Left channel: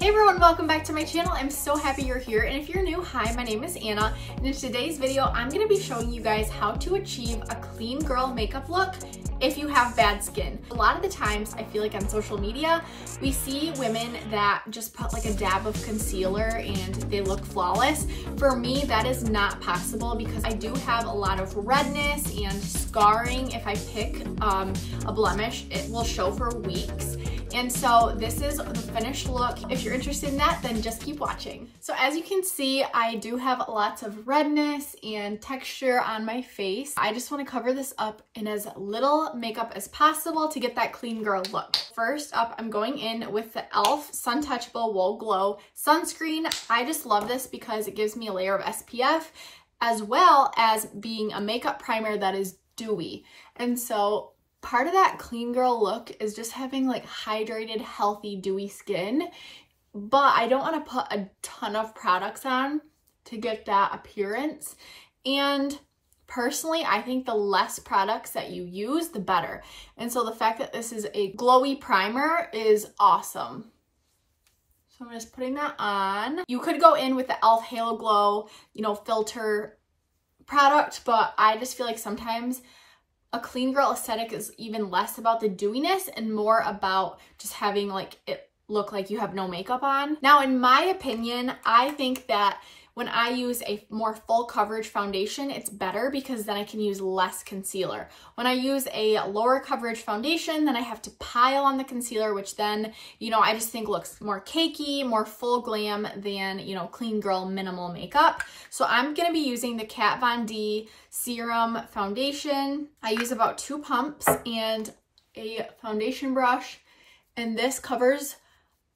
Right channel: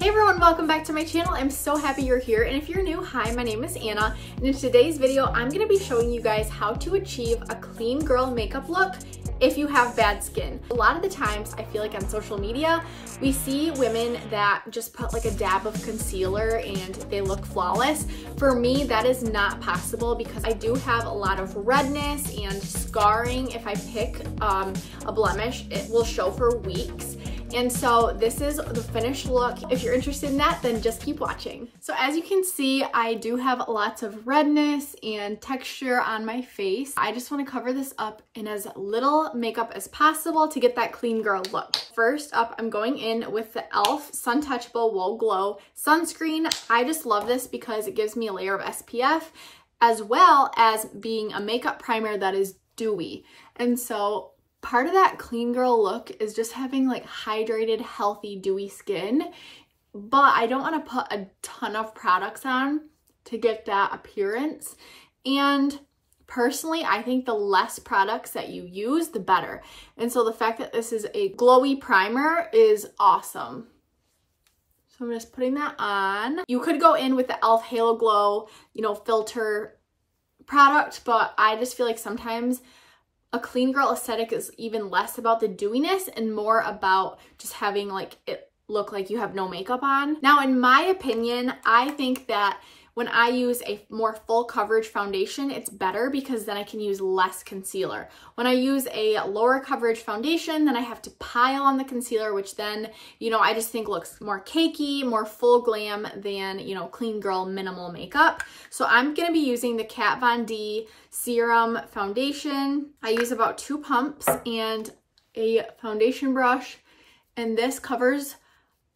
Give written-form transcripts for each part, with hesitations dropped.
Hey everyone, welcome back to my channel. I'm so happy you're here. And if you're new, hi, my name is Anna. And in today's video, I'm gonna be showing you guys how to achieve a clean girl makeup look if you have bad skin. A lot of the times, I feel like on social media, we see women that just put like a dab of concealer and they look flawless. For me, that is not possible because I do have a lot of redness and scarring. If I pick a blemish, it will show for weeks. And so this is the finished look. If you're interested in that, then just keep watching. So as you can see, I do have lots of redness and texture on my face. I just want to cover this up in as little makeup as possible to get that clean girl look. First up, I'm going in with the e.l.f. Sun Touchable Whoa Glow Sunscreen. I just love this because it gives me a layer of SPF as well as being a makeup primer that is dewy. And so part of that clean girl look is just having like hydrated, healthy, dewy skin, but I don't want to put a ton of products on to get that appearance. And personally, I think the less products that you use, the better. And so the fact that this is a glowy primer is awesome. So I'm just putting that on. You could go in with the e.l.f. Halo Glow, filter product, but I just feel like sometimes a clean girl aesthetic is even less about the dewiness and more about just having like it look like you have no makeup on. Now, in my opinion, I think that when I use a more full coverage foundation, it's better because then I can use less concealer. When I use a lower coverage foundation, then I have to pile on the concealer, which then, I just think looks more cakey, more full glam than, clean girl minimal makeup. So I'm gonna be using the Kat Von D Serum Foundation. I use about 2 pumps and a foundation brush, and this covers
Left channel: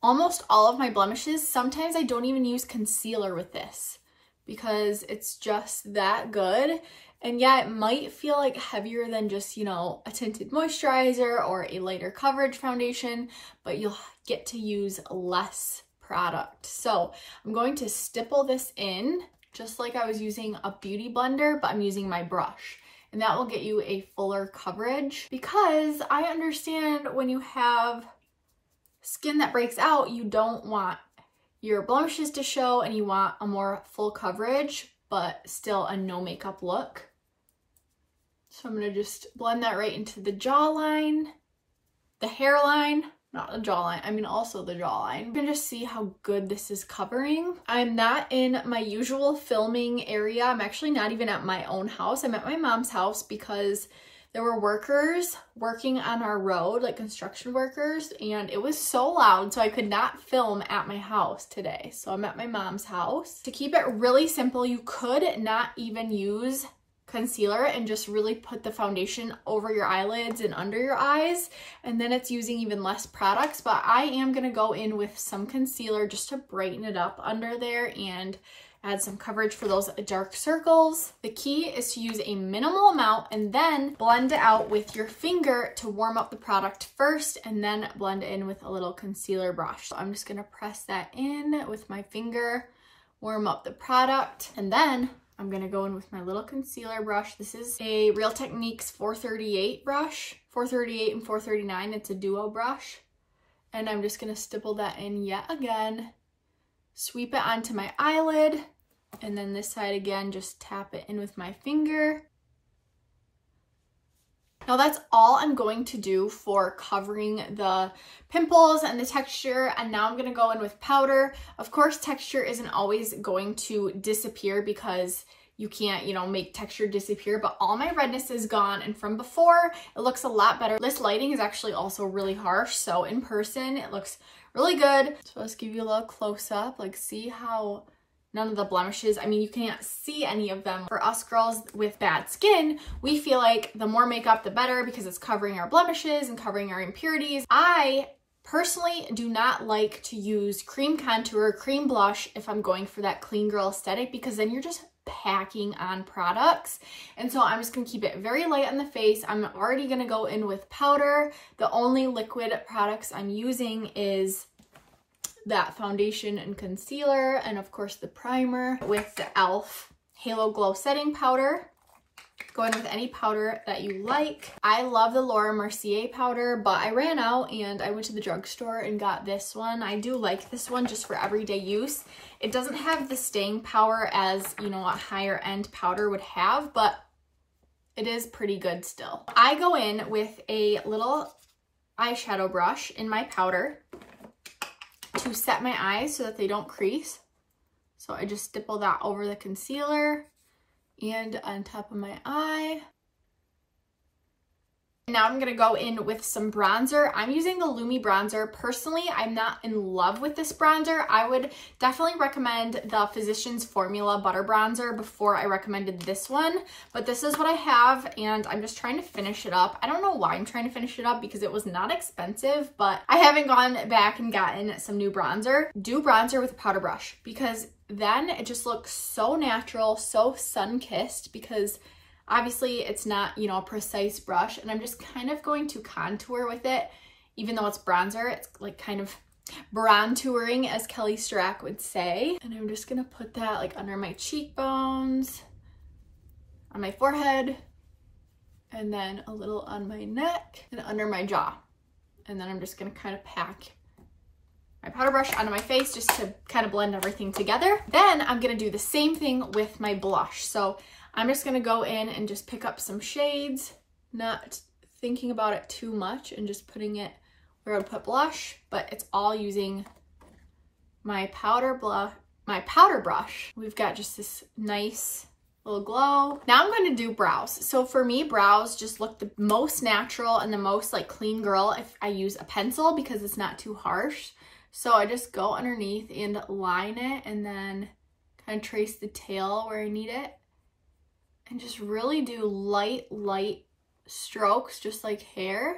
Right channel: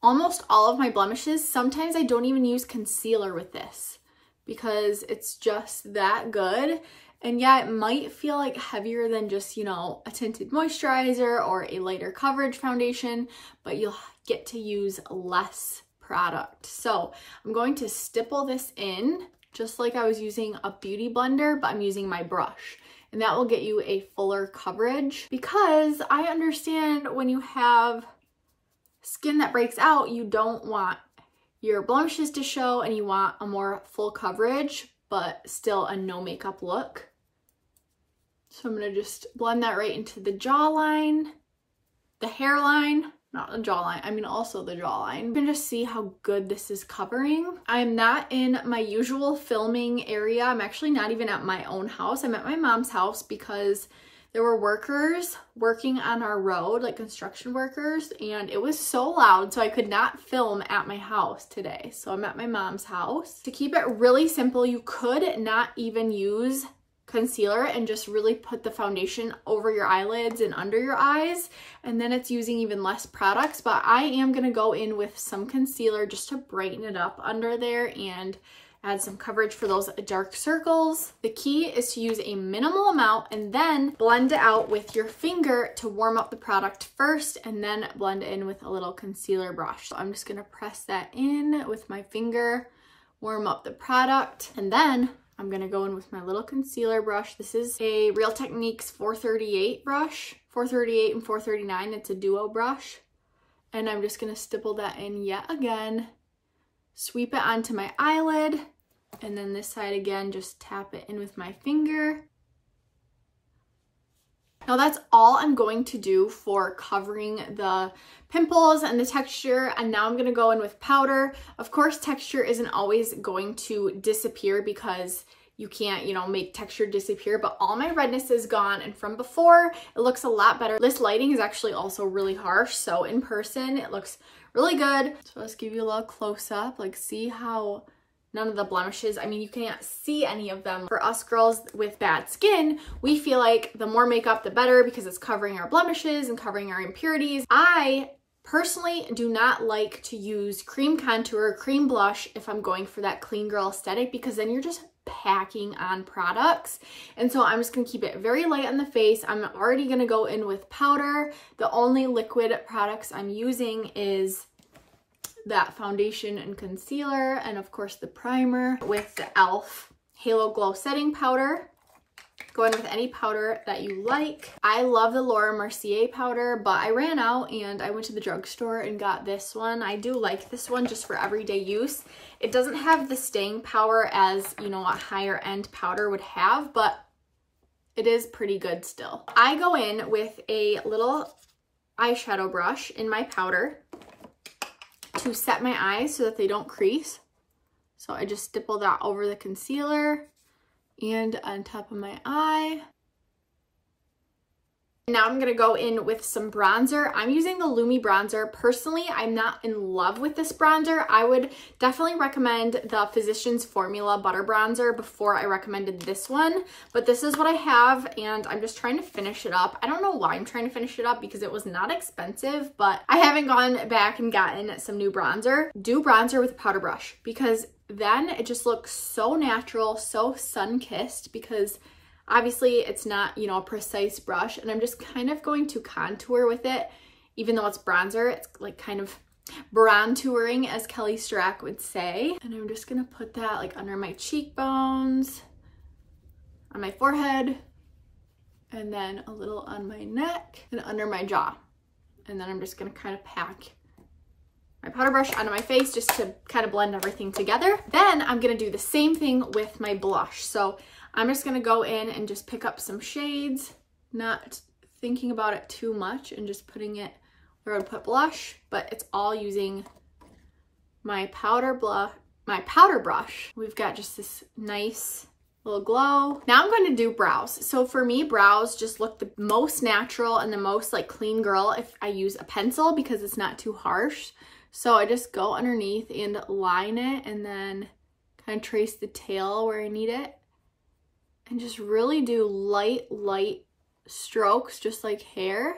almost all of my blemishes. Sometimes I don't even use concealer with this because it's just that good. And yeah, it might feel like heavier than just, a tinted moisturizer or a lighter coverage foundation, but you'll get to use less product. So I'm going to stipple this in just like I was using a beauty blender, but I'm using my brush. And that will get you a fuller coverage because I understand when you have skin that breaks out, you don't want your blemishes to show and you want a more full coverage, but still a no makeup look. So I'm gonna just blend that right into the jawline, the hairline, not the jawline, I mean also the jawline. You can just see how good this is covering. I'm not in my usual filming area. I'm actually not even at my own house. I'm at my mom's house because there were workers working on our road, like construction workers, and it was so loud, so I could not film at my house today. So I'm at my mom's house. To keep it really simple, you could not even use concealer and just really put the foundation over your eyelids and under your eyes, and then it's using even less products. But I am gonna go in with some concealer just to brighten it up under there and add some coverage for those dark circles. The key is to use a minimal amount and then blend it out with your finger to warm up the product first and then blend it in with a little concealer brush. So I'm just gonna press that in with my finger, warm up the product, and then I'm gonna go in with my little concealer brush. This is a Real Techniques 438 brush, 438 and 439, it's a duo brush. And I'm just gonna stipple that in yet again, sweep it onto my eyelid, and then this side again, just tap it in with my finger. Now that's all I'm going to do for covering the pimples and the texture, and now I'm gonna go in with powder. Of course, texture isn't always going to disappear because you can't, make texture disappear, but all my redness is gone, and from before, it looks a lot better. This lighting is actually also really harsh, so in person, it looks really good. So let's give you a little close up, like see how none of the blemishes, I mean, you can't see any of them. For us girls with bad skin, we feel like the more makeup, the better because it's covering our blemishes and covering our impurities. I personally do not like to use cream contour, cream blush if I'm going for that clean girl aesthetic because then you're just packing on products. And so I'm just gonna keep it very light on the face. I'm already gonna go in with powder. The only liquid products I'm using is that foundation and concealer, and of course the primer with the e.l.f. Halo Glow Setting Powder. Go in with any powder that you like. I love the Laura Mercier powder, but I ran out and I went to the drugstore and got this one. I do like this one just for everyday use. It doesn't have the staying power as, you know, a higher end powder would have, but it is pretty good still. I go in with a little eyeshadow brush in my powder to set my eyes so that they don't crease. So I just stipple that over the concealer and on top of my eye. Now I'm gonna go in with some bronzer. I'm using the Lumi bronzer. Personally, I'm not in love with this bronzer. I would definitely recommend the Physicians Formula Butter Bronzer before I recommended this one, but this is what I have and I'm just trying to finish it up. I don't know why I'm trying to finish it up because it was not expensive, but I haven't gone back and gotten some new bronzer. Do bronzer with a powder brush because then it just looks so natural, so sun-kissed, because obviously it's not, you know, a precise brush, and I'm just kind of going to contour with it. Even though it's bronzer, it's like kind of bron-touring, as Kelly Strack would say. And I'm just gonna put that like under my cheekbones, on my forehead, and then a little on my neck and under my jaw. And then I'm just gonna kind of pack my powder brush onto my face just to kind of blend everything together. Then I'm gonna do the same thing with my blush. So I'm just gonna go in and just pick up some shades, not thinking about it too much and just putting it where I would put blush, but it's all using my powder brush. We've got just this nice little glow. Now I'm going to do brows. So for me, brows just look the most natural and the most like clean girl if I use a pencil because it's not too harsh. So I just go underneath and line it and then kind of trace the tail where I need it. And just really do light strokes, just like hair.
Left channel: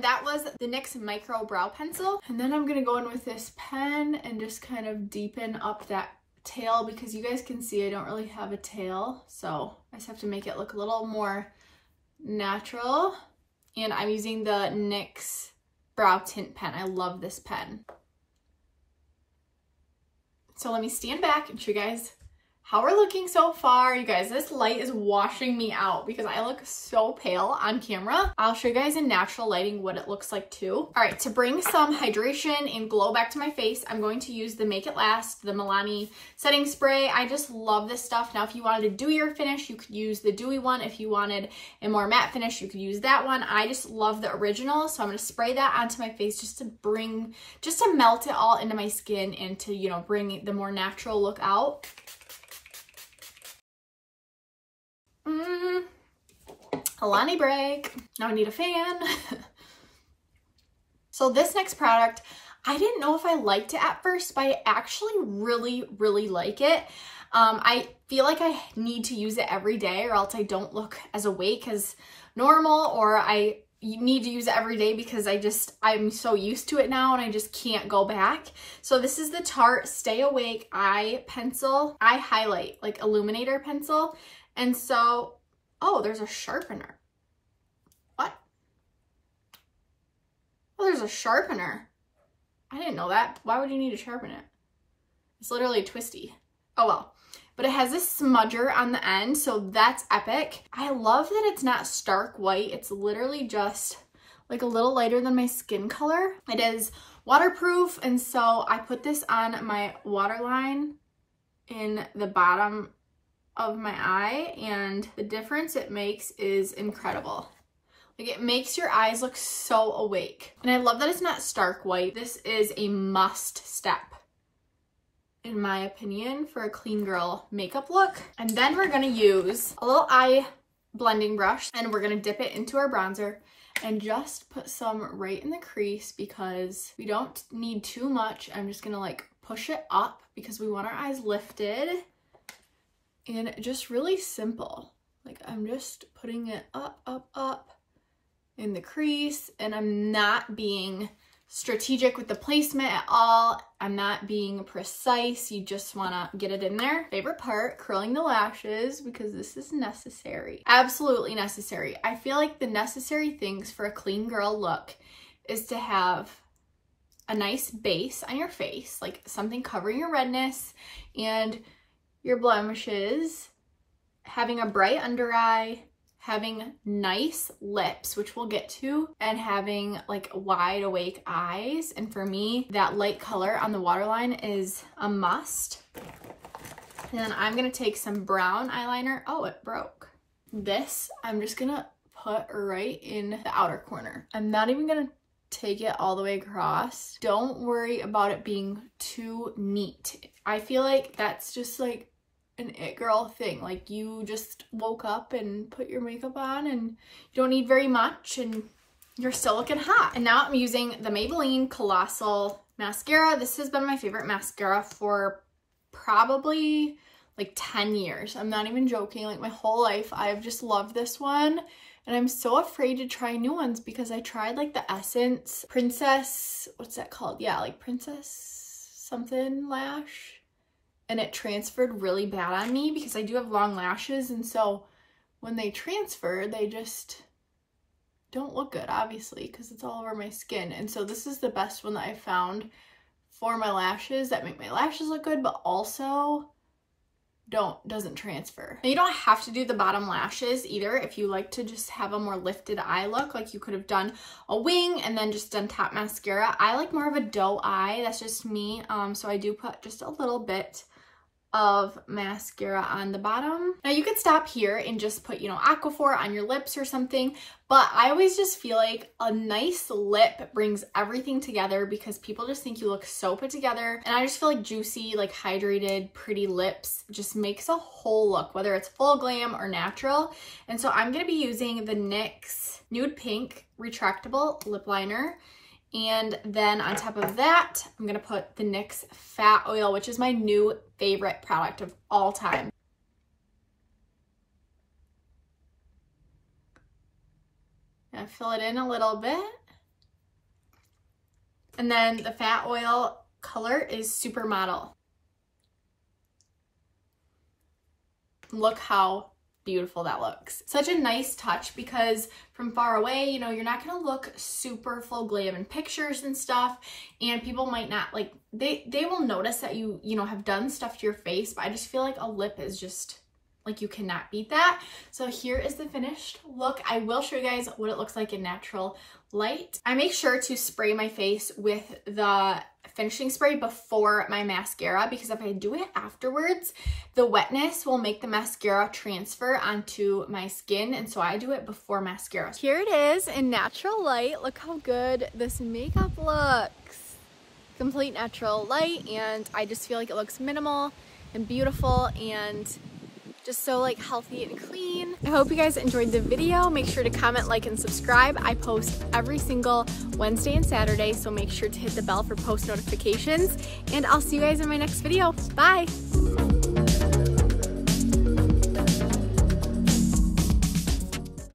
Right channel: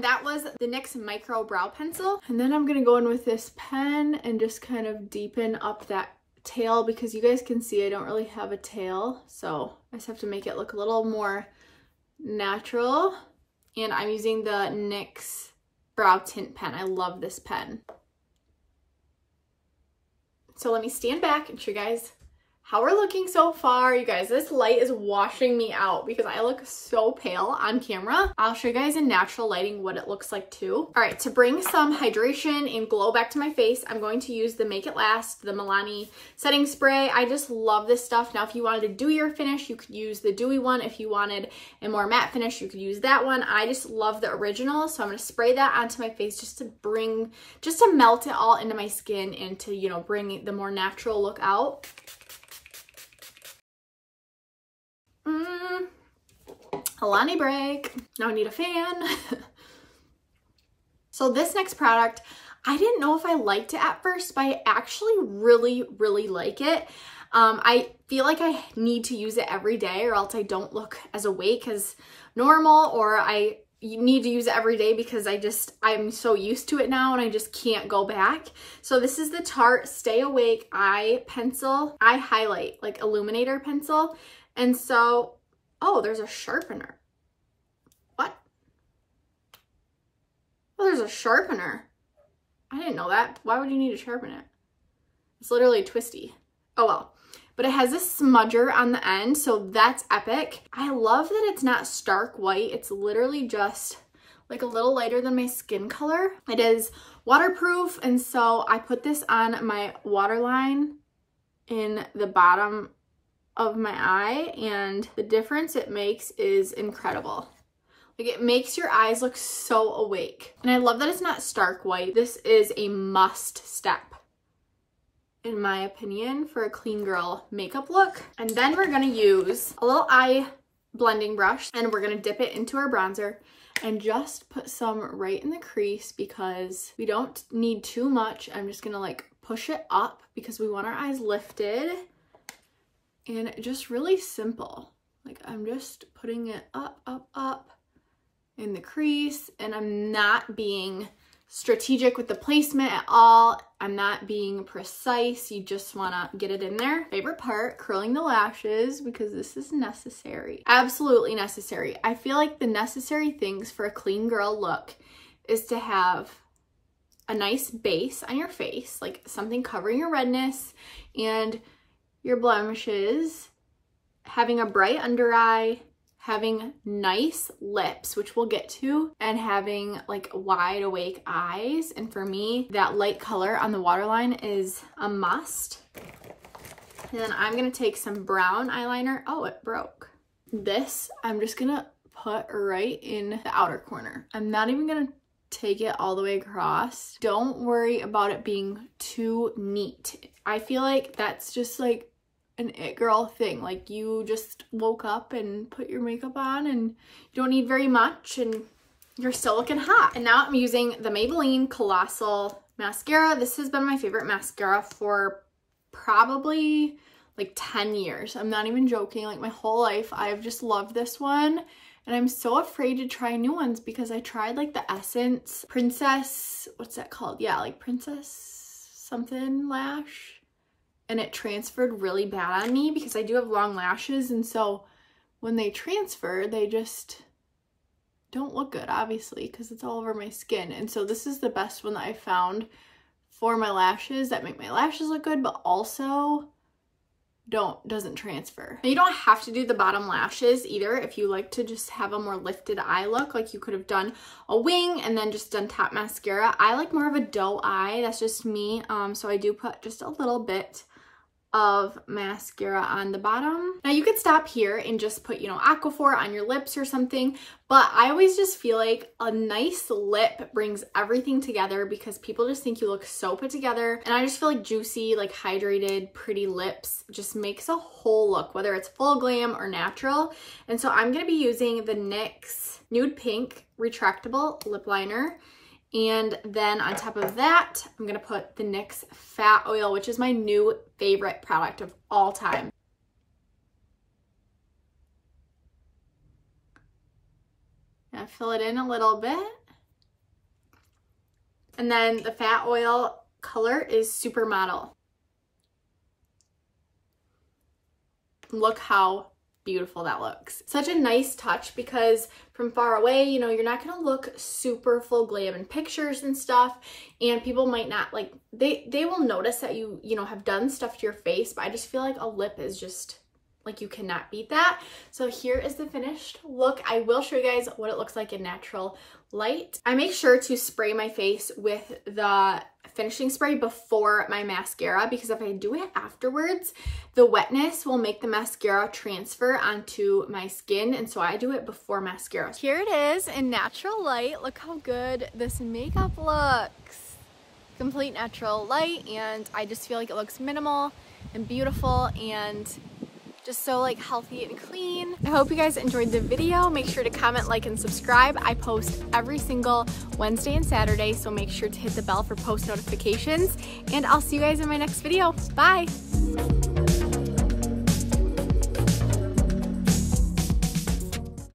That was the NYX Micro Brow Pencil. And then I'm gonna go in with this pen and just kind of deepen up that tail because you guys can see I don't really have a tail. So I just have to make it look a little more natural. And I'm using the NYX Brow Tint Pen. I love this pen. So let me stand back and show you guys how we're looking so far. You guys, this light is washing me out because I look so pale on camera. I'll show you guys in natural lighting what it looks like too. All right, to bring some hydration and glow back to my face, I'm going to use the Make It Last, the Milani setting spray. I just love this stuff. Now, if you wanted a dewier finish, you could use the dewy one. If you wanted a more matte finish, you could use that one. I just love the original, so I'm gonna spray that onto my face just to melt it all into my skin and to, you know, bring the more natural look out. Alani break. Now I need a fan. So this next product, I didn't know if I liked it at first, but I actually really like it. I feel like I need to use it every day or else I don't look as awake as normal, or I need to use it every day because I'm so used to it now and I just can't go back. So this is the Tarte Stay Awake Eye Highlight, like illuminator pencil. And so, oh, there's a sharpener. What? Oh, there's a sharpener. I didn't know that. Why would you need to sharpen it? It's literally twisty. Oh well. But it has this smudger on the end, so that's epic. I love that it's not stark white. It's literally just like a little lighter than my skin color. It is waterproof, and so I put this on my waterline in the bottom of my eye, and the difference it makes is incredible. Like, it makes your eyes look so awake. And I love that it's not stark white. This is a must step, in my opinion, for a clean girl makeup look. And then we're gonna use a little eye blending brush and we're gonna dip it into our bronzer and just put some right in the crease because we don't need too much. I'm just gonna like push it up because we want our eyes lifted. And just really simple. Like, I'm just putting it up in the crease, and I'm not being strategic with the placement at all. I'm not being precise. You just wanna get it in there. Favorite part, curling the lashes, because this is necessary. Absolutely necessary. I feel like the necessary things for a clean girl look is to have a nice base on your face, like something covering your redness and your blemishes, having a bright under eye, having nice lips, which we'll get to, and having like wide awake eyes. And for me, that light color on the waterline is a must. And then I'm gonna take some brown eyeliner. Oh, it broke. This, I'm just gonna put right in the outer corner. I'm not even gonna take it all the way across. Don't worry about it being too neat. I feel like that's just like an it girl thing. Like you just woke up and put your makeup on and you don't need very much and you're still looking hot. And now I'm using the Maybelline Colossal Mascara. This has been my favorite mascara for probably like 10 years. I'm not even joking. Like my whole life, I've just loved this one. And I'm so afraid to try new ones because I tried like the Essence Princess, what's that called? Yeah, like Princess something lash. And it transferred really bad on me because I do have long lashes. And so when they transfer, they just don't look good, obviously, because it's all over my skin. And so this is the best one that I found for my lashes that make my lashes look good, but also doesn't transfer. Now, you don't have to do the bottom lashes either if you like to just have a more lifted eye look. Like you could have done a wing and then just done top mascara. I like more of a doe eye. That's just me. So I do put just a little bit of mascara on the bottom. Now you could stop here and just put, you know, Aquaphor on your lips or something, but I always just feel like a nice lip brings everything together because people just think you look so put together. And I just feel like juicy, like hydrated, pretty lips just makes a whole look, whether it's full glam or natural. And so I'm gonna be using the NYX Nude Pink Retractable Lip Liner. And then on top of that, I'm gonna put the NYX Fat Oil, which is my new favorite product of all time. Gonna fill it in a little bit. And then the Fat Oil color is Supermodel. Look how beautiful that looks. Such a nice touch because from far away, you know, you're not gonna look super full glam in pictures and stuff, and people might not like, they will notice that you know, have done stuff to your face, but I just feel like a lip is just like, you cannot beat that. So here is the finished look. I will show you guys what it looks like in natural light. I make sure to spray my face with the finishing spray before my mascara because if I do it afterwards, the wetness will make the mascara transfer onto my skin, and so I do it before mascara. Here it is in natural light. Look how good this makeup looks. Complete natural light, and I just feel like it looks minimal and beautiful and just so like healthy and clean. I hope you guys enjoyed the video. Make sure to comment, like, and subscribe. I post every single Wednesday and Saturday, so make sure to hit the bell for post notifications, and I'll see you guys in my next video. Bye.